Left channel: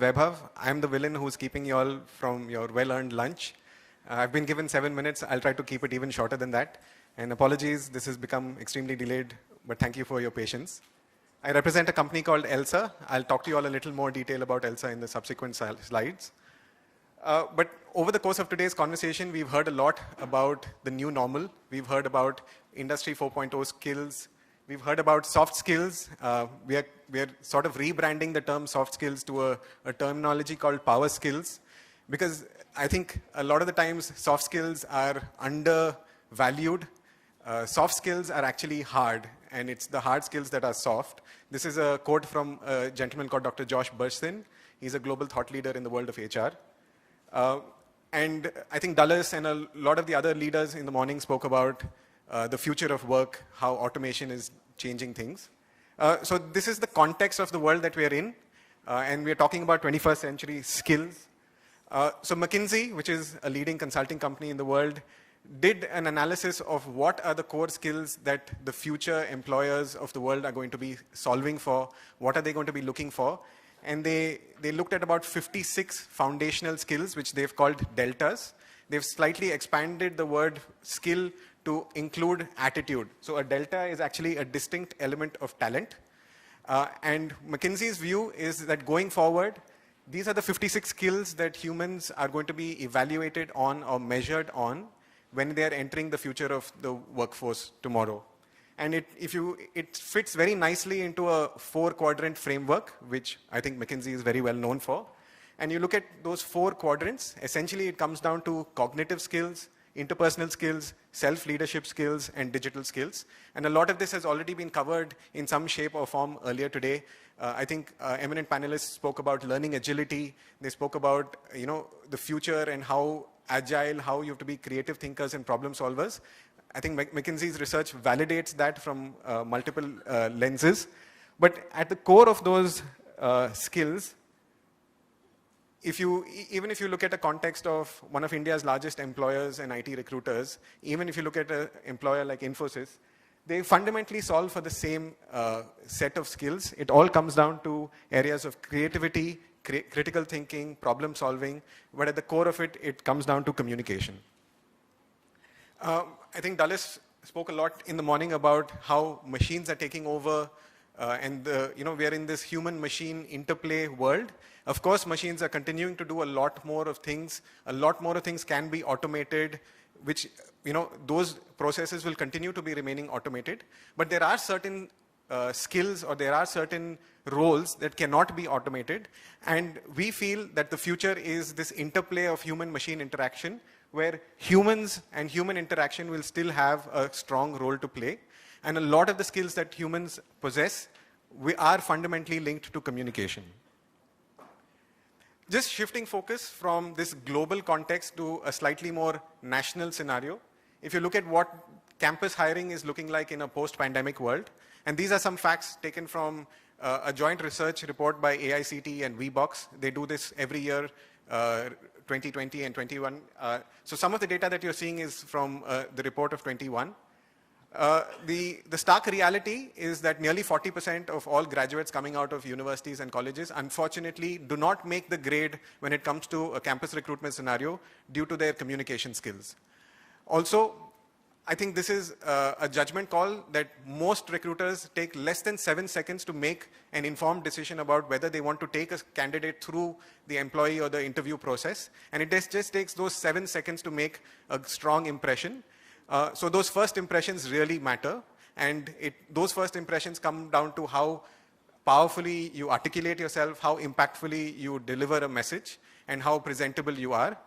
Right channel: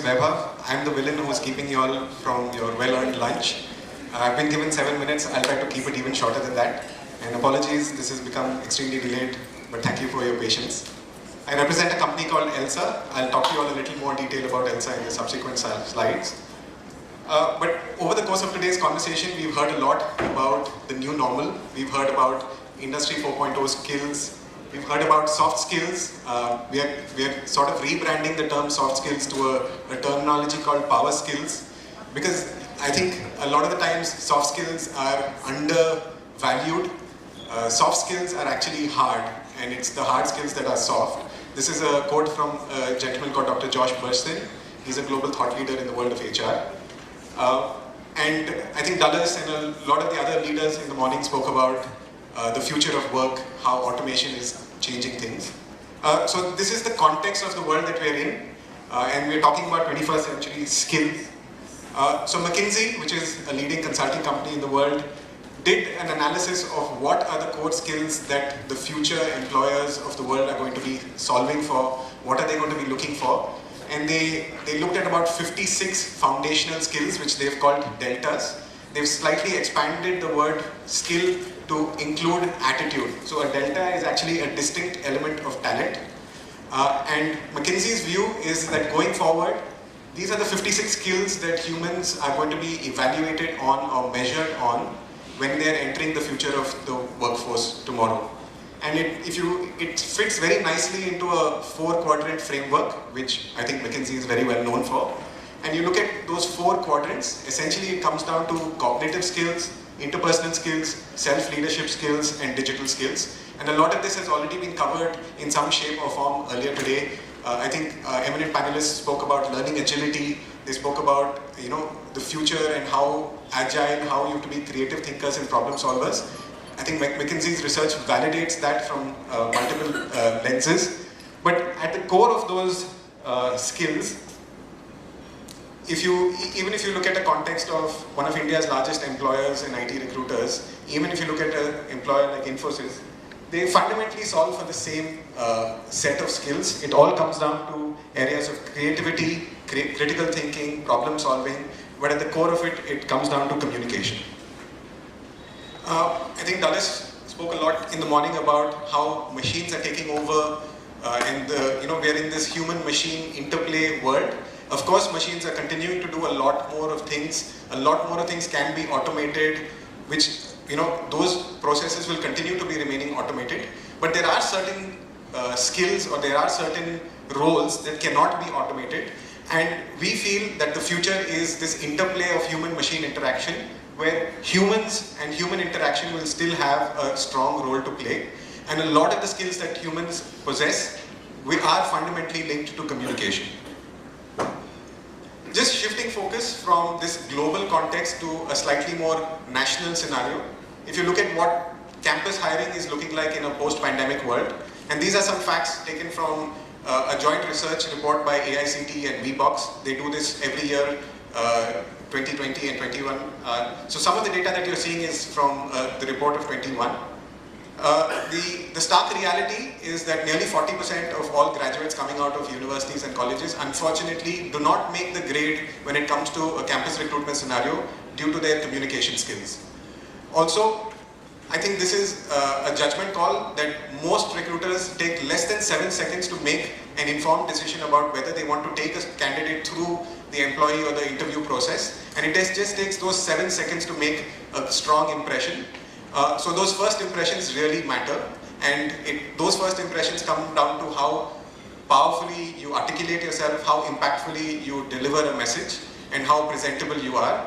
is Vaibhav. I'm the villain who's keeping you all from your well-earned lunch. I've been given 7 minutes. I'll try to keep it even shorter than that. And apologies, this has become extremely delayed, but thank you for your patience. I represent a company called ELSA. I'll talk to you all a little more detail about ELSA in the subsequent slides. But over the course of today's conversation, we've heard a lot about the new normal. We've heard about Industry 4.0 skills. We've heard about soft skills. We're sort of rebranding the term soft skills to a terminology called power skills, because I think a lot of the times soft skills are undervalued. Soft skills are actually hard, and it's the hard skills that are soft. This is a quote from a gentleman called Dr. Josh Bersin. He's a global thought leader in the world of HR. And I think Dulles and a lot of the other leaders in the morning spoke about the future of work, how automation is changing things. So this is the context of the world that we're in, and we're talking about 21st century skills. So McKinsey, which is a leading consulting company in the world, did an analysis of what are the core skills that the future employers of the world are going to be solving for, what are they going to be looking for. And they looked at about 56 foundational skills, which they've called deltas. They've slightly expanded the word skill to include attitude. So a delta is actually a distinct element of talent. And McKinsey's view is that going forward, these are the 56 skills that humans are going to be evaluated on or measured on when they're entering the future of the workforce tomorrow. And it fits very nicely into a 4-quadrant framework, which I think McKinsey is very well known for. And you look at those 4 quadrants, essentially it comes down to cognitive skills, interpersonal skills, self-leadership skills, and digital skills. And a lot of this has already been covered in some shape or form earlier today. I think eminent panelists spoke about learning agility. They spoke about the future and how agile, how you can be creative thinkers and problem solvers. I think McKinsey's research validates that from multiple lenses. But at the core of those skills, even if you look at the context of one of India's largest employers and IT recruiters, even if you look at an employer like Infosys, they fundamentally solve for the same set of skills. It all comes down to areas of creativity, critical thinking, problem solving, but at the core of it, it comes down to communication. I think Dulles spoke a lot in the morning about how machines are taking over, and we're in this human-machine interplay world. Of course, machines are continuing to do a lot more of things. A lot more of things can be automated, which, those processes will continue to be remaining automated. But there are certain skills or there are certain roles that cannot be automated. And we feel that the future is this interplay of human-machine interaction, where humans and human interaction will still have a strong role to play. And a lot of the skills that humans possess, we are fundamentally linked to communication. Just shifting focus from this global context to a slightly more national scenario. If you look at what campus hiring is looking like in a post-pandemic world, and these are some facts taken from a joint research report by AICT and VBox. They do this every year, 2020 and 21. So some of the data that you're seeing is from the report of 21. The stark reality is that nearly 40% of all graduates coming out of universities and colleges, unfortunately, do not make the grade when it comes to a campus recruitment scenario due to their communication skills. Also, I think this is a judgment call that most recruiters take less than 7 seconds to make an informed decision about whether they want to take a candidate through the employee or the interview process. And it just takes those 7 seconds to make a strong impression. So those first impressions really matter, and those first impressions come down to how powerfully you articulate yourself, how impactfully you deliver a message, and how presentable you are.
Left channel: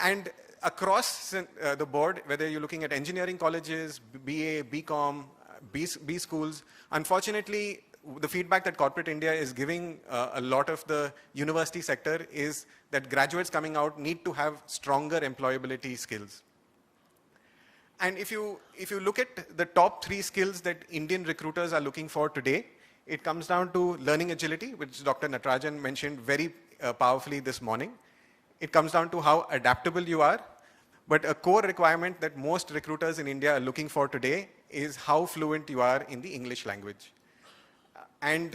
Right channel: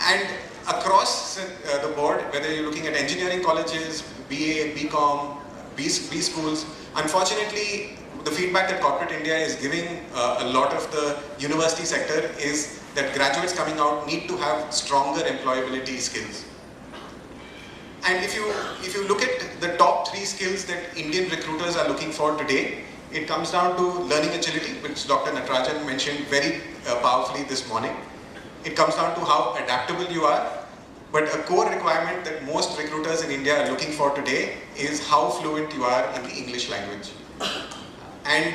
And across the board, whether you're looking at engineering colleges, BA, BCom, B schools, unfortunately, the feedback that corporate India is giving a lot of the university sector is that graduates coming out need to have stronger employability skills. And if you look at the top 3 skills that Indian recruiters are looking for today, it comes down to learning agility, which Dr. Natarajan mentioned very powerfully this morning. It comes down to how adaptable you are, but a core requirement that most recruiters in India are looking for today is how fluent you are in the English language. And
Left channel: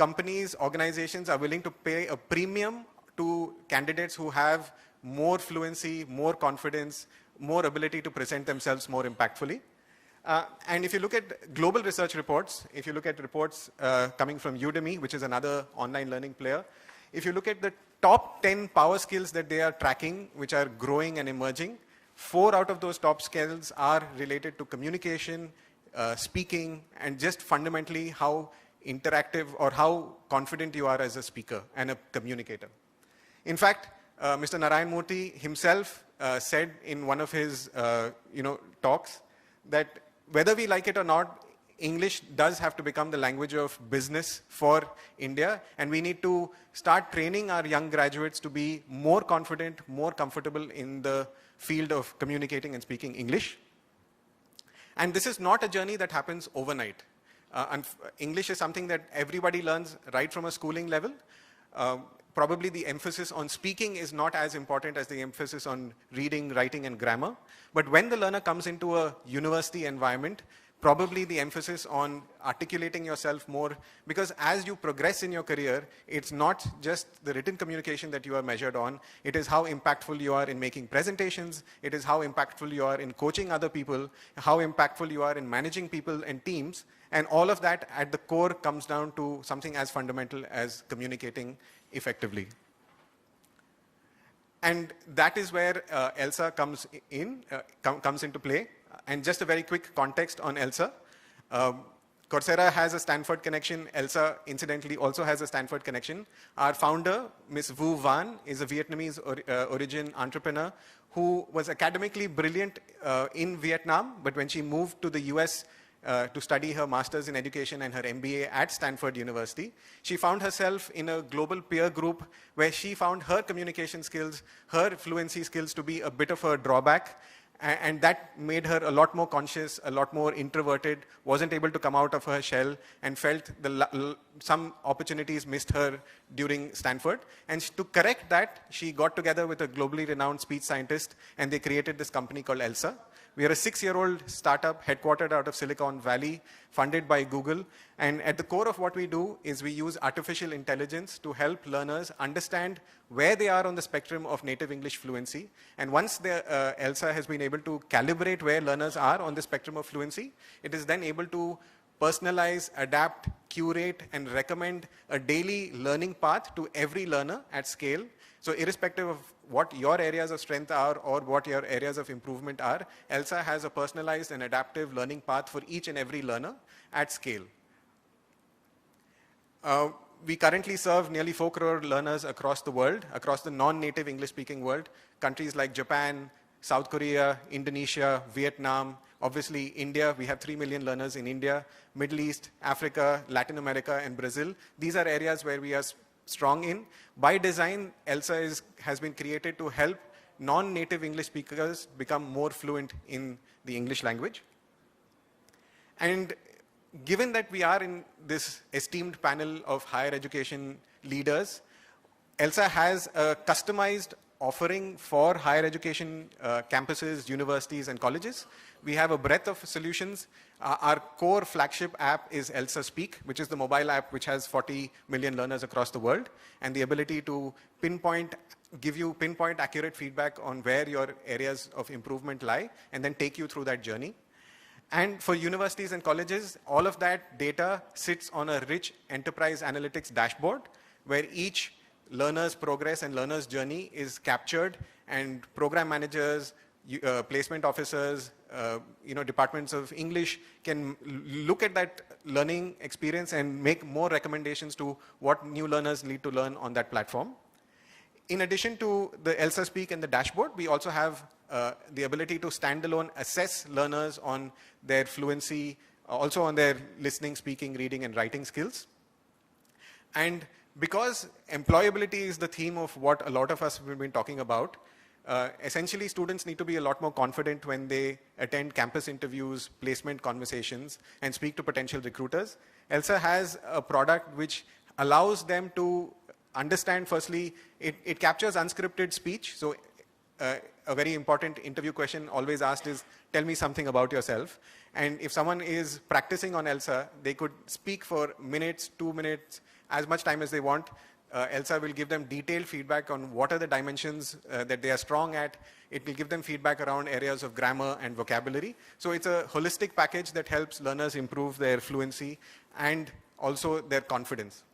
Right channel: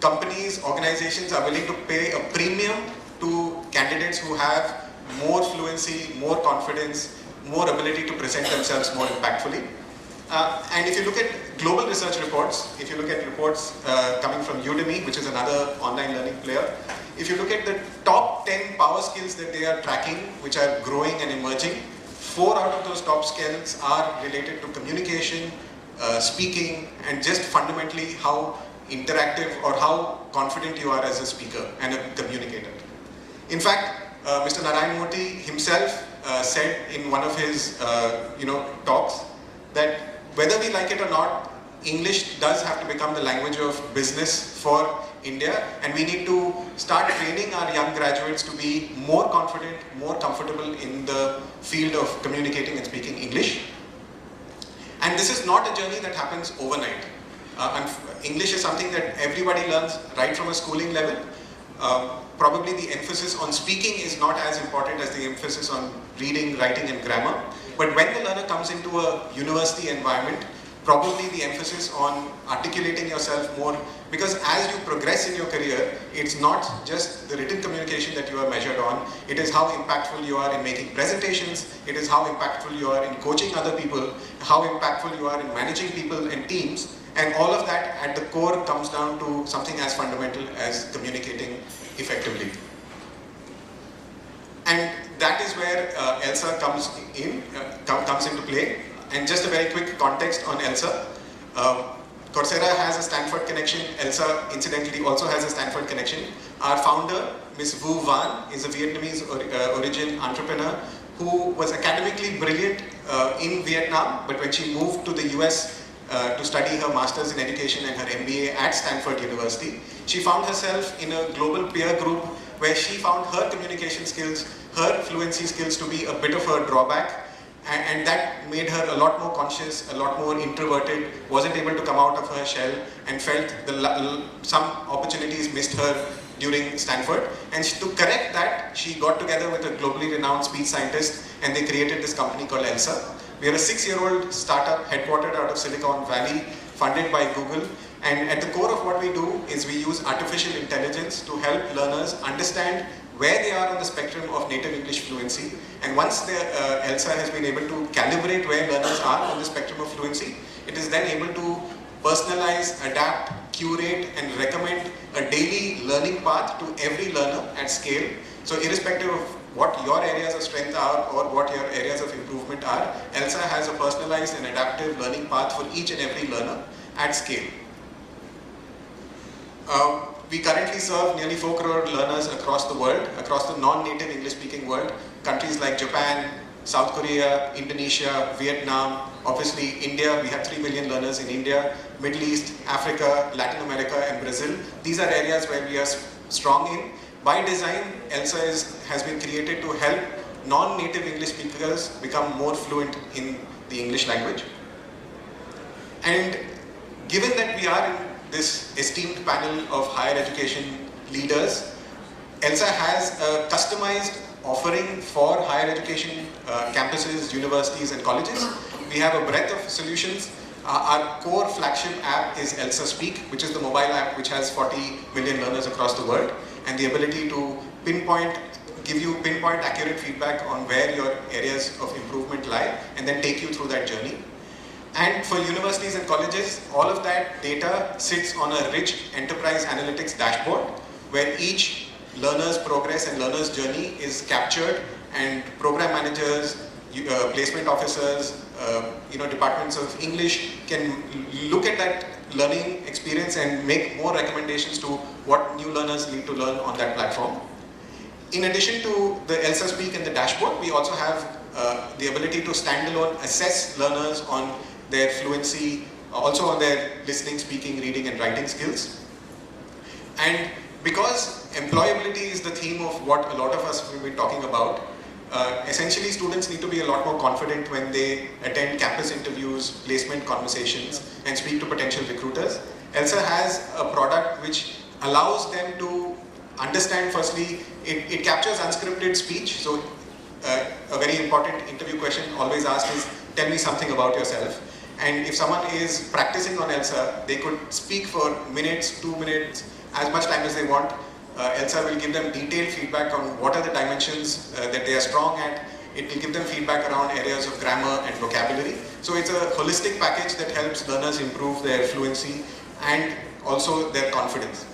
companies, organizations are willing to pay a premium to candidates who have more fluency, more confidence, more ability to present themselves more impactfully. And if you look at global research reports, if you look at reports coming from Udemy, which is another online learning player, if you look at the top 10 power skills that they are tracking, which are growing and emerging, 4 out of those top skills are related to communication, speaking, and just fundamentally how interactive or how confident you are as a speaker and a communicator. In fact, Mr. Narayan Murthy himself said in one of his talks that whether we like it or not, English does have to become the language of business for India, and we need to start training our young graduates to be more confident, more comfortable in the field of communicating and speaking English. And this is not a journey that happens overnight. English is something that everybody learns right from a schooling level. Probably the emphasis on speaking is not as important as the emphasis on reading, writing, and grammar. But when the learner comes into a university environment, probably the emphasis on articulating yourself more, because as you progress in your career, it's not just the written communication that you are measured on, it is how impactful you are in making presentations, it is how impactful you are in coaching other people, how impactful you are in managing people and teams, and all of that at the core comes down to something as fundamental as communicating effectively. And that is where ELSA comes into play. And just a very quick context on ELSA. Coursera has a Stanford connection. ELSA, incidentally, also has a Stanford connection. Our founder, Ms. Vu Van, is a Vietnamese origin entrepreneur who was academically brilliant in Vietnam, but when she moved to the US to study her master's in education and her MBA at Stanford University, she found herself in a global peer group where she found her communication skills, her fluency skills to be a bit of a drawback. And that made her a lot more conscious, a lot more introverted, wasn't able to come out of her shell, and felt some opportunities missed her during Stanford. And to correct that, she got together with a globally renowned speech scientist, and they created this company called ELSA. We are a 6-year-old startup headquartered out of Silicon Valley, funded by Google. And at the core of what we do is we use artificial intelligence to help learners understand where they are on the spectrum of native English fluency. And once ELSA has been able to calibrate where learners are on the spectrum of fluency, it is then able to personalize, adapt, curate, and recommend a daily learning path to every learner at scale. So irrespective of what your areas of strength are or what your areas of improvement are, ELSA has a personalized and adaptive learning path for each and every learner at scale. We currently serve nearly 4 crore learners across the world, across the non-native English-speaking world. Countries like Japan, South Korea, Indonesia, Vietnam, obviously India, we have 3 million learners in India, Middle East, Africa, Latin America, and Brazil. These are areas where we are strong in. By design, ELSA has been created to help non-native English speakers become more fluent in the English language. And given that we are in this esteemed panel of higher education leaders, ELSA has a customized offering for higher education campuses, universities, and colleges. We have a breadth of solutions. Our core flagship app is ELSA Speak, which is the mobile app which has 40 million learners across the world, and the ability to give you pinpoint accurate feedback on where your areas of improvement lie, and then take you through that journey. And for universities and colleges, all of that data sits on a rich enterprise analytics dashboard where each learner's progress and learner's journey is captured, and program managers, placement officers, departments of English can look at that learning experience and make more recommendations to what new learners need to learn on that platform. In addition to the ELSA Speak and the dashboard, we also have the ability to standalone assess learners on their fluency, also on their listening, speaking, reading, and writing skills. And because employability is the theme of what a lot of us will be talking about, essentially students need to be a lot more confident when they attend campus interviews, placement conversations, and speak to potential recruiters. ELSA has a product which allows them to understand, firstly, it captures unscripted speech. So a very important interview question always asked is, tell me something about yourself. And if someone is practicing on ELSA, they could speak for minutes, 2 minutes, as much time as they want. ELSA will give them detailed feedback on what are the dimensions that they are strong at. It will give them feedback around areas of grammar and vocabulary. So it's a holistic package that helps learners improve their fluency and also their confidence.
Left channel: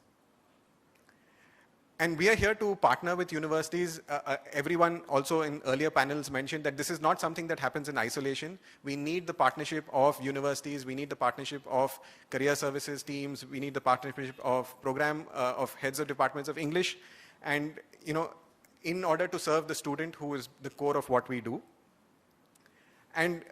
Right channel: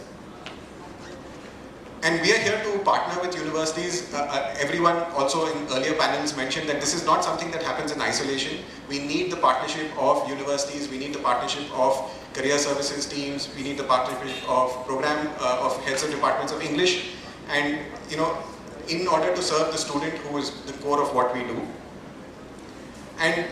And we are here to partner with universities. Everyone also in earlier panels mentioned that this is not something that happens in isolation. We need the partnership of universities, we need the partnership of career services teams, we need the partnership of program of heads of departments of English, and in order to serve the student who is the core of what we do. And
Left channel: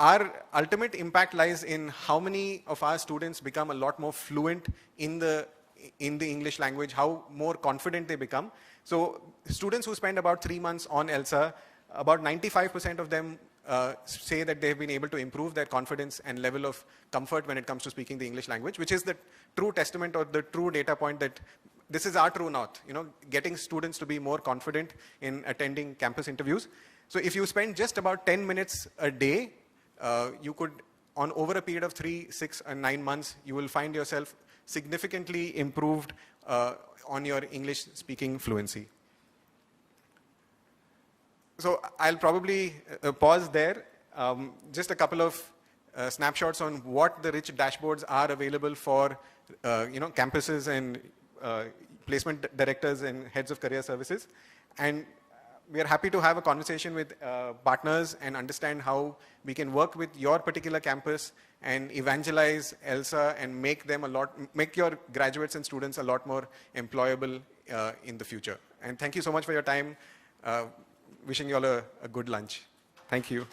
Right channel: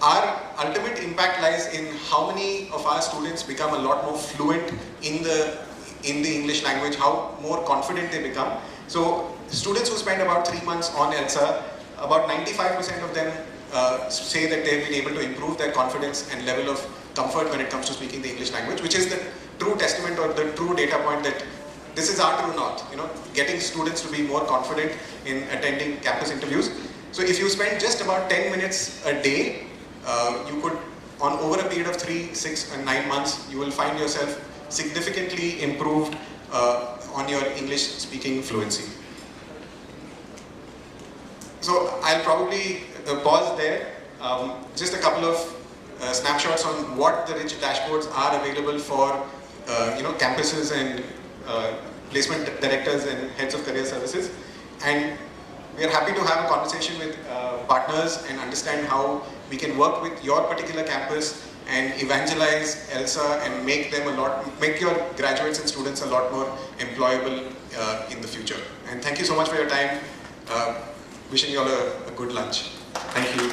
our ultimate impact lies in how many of our students become a lot more fluent in the English language, how more confident they become. So students who spend about 3 months on ELSA, about 95% of them say that they will be able to improve their confidence and level of comfort when it comes to speaking the English language, which is the true testament or the true data point that this is our true north, getting students to be more confident in attending campus interviews. So if you spend just about 10 minutes a day, you could, on over a period of 3, 6, and 9 months, you will find yourself significantly improved on your English speaking fluency. So I'll probably pause there. Just a couple of snapshots on what the rich dashboards are available for campuses and placement directors and heads of career services. And we are happy to have a conversation with partners and understand how we can work with your particular campus and evangelize ELSA and make your graduates and students a lot more employable in the future. And thank you so much for your time. Wishing you all a good lunch. Thank you.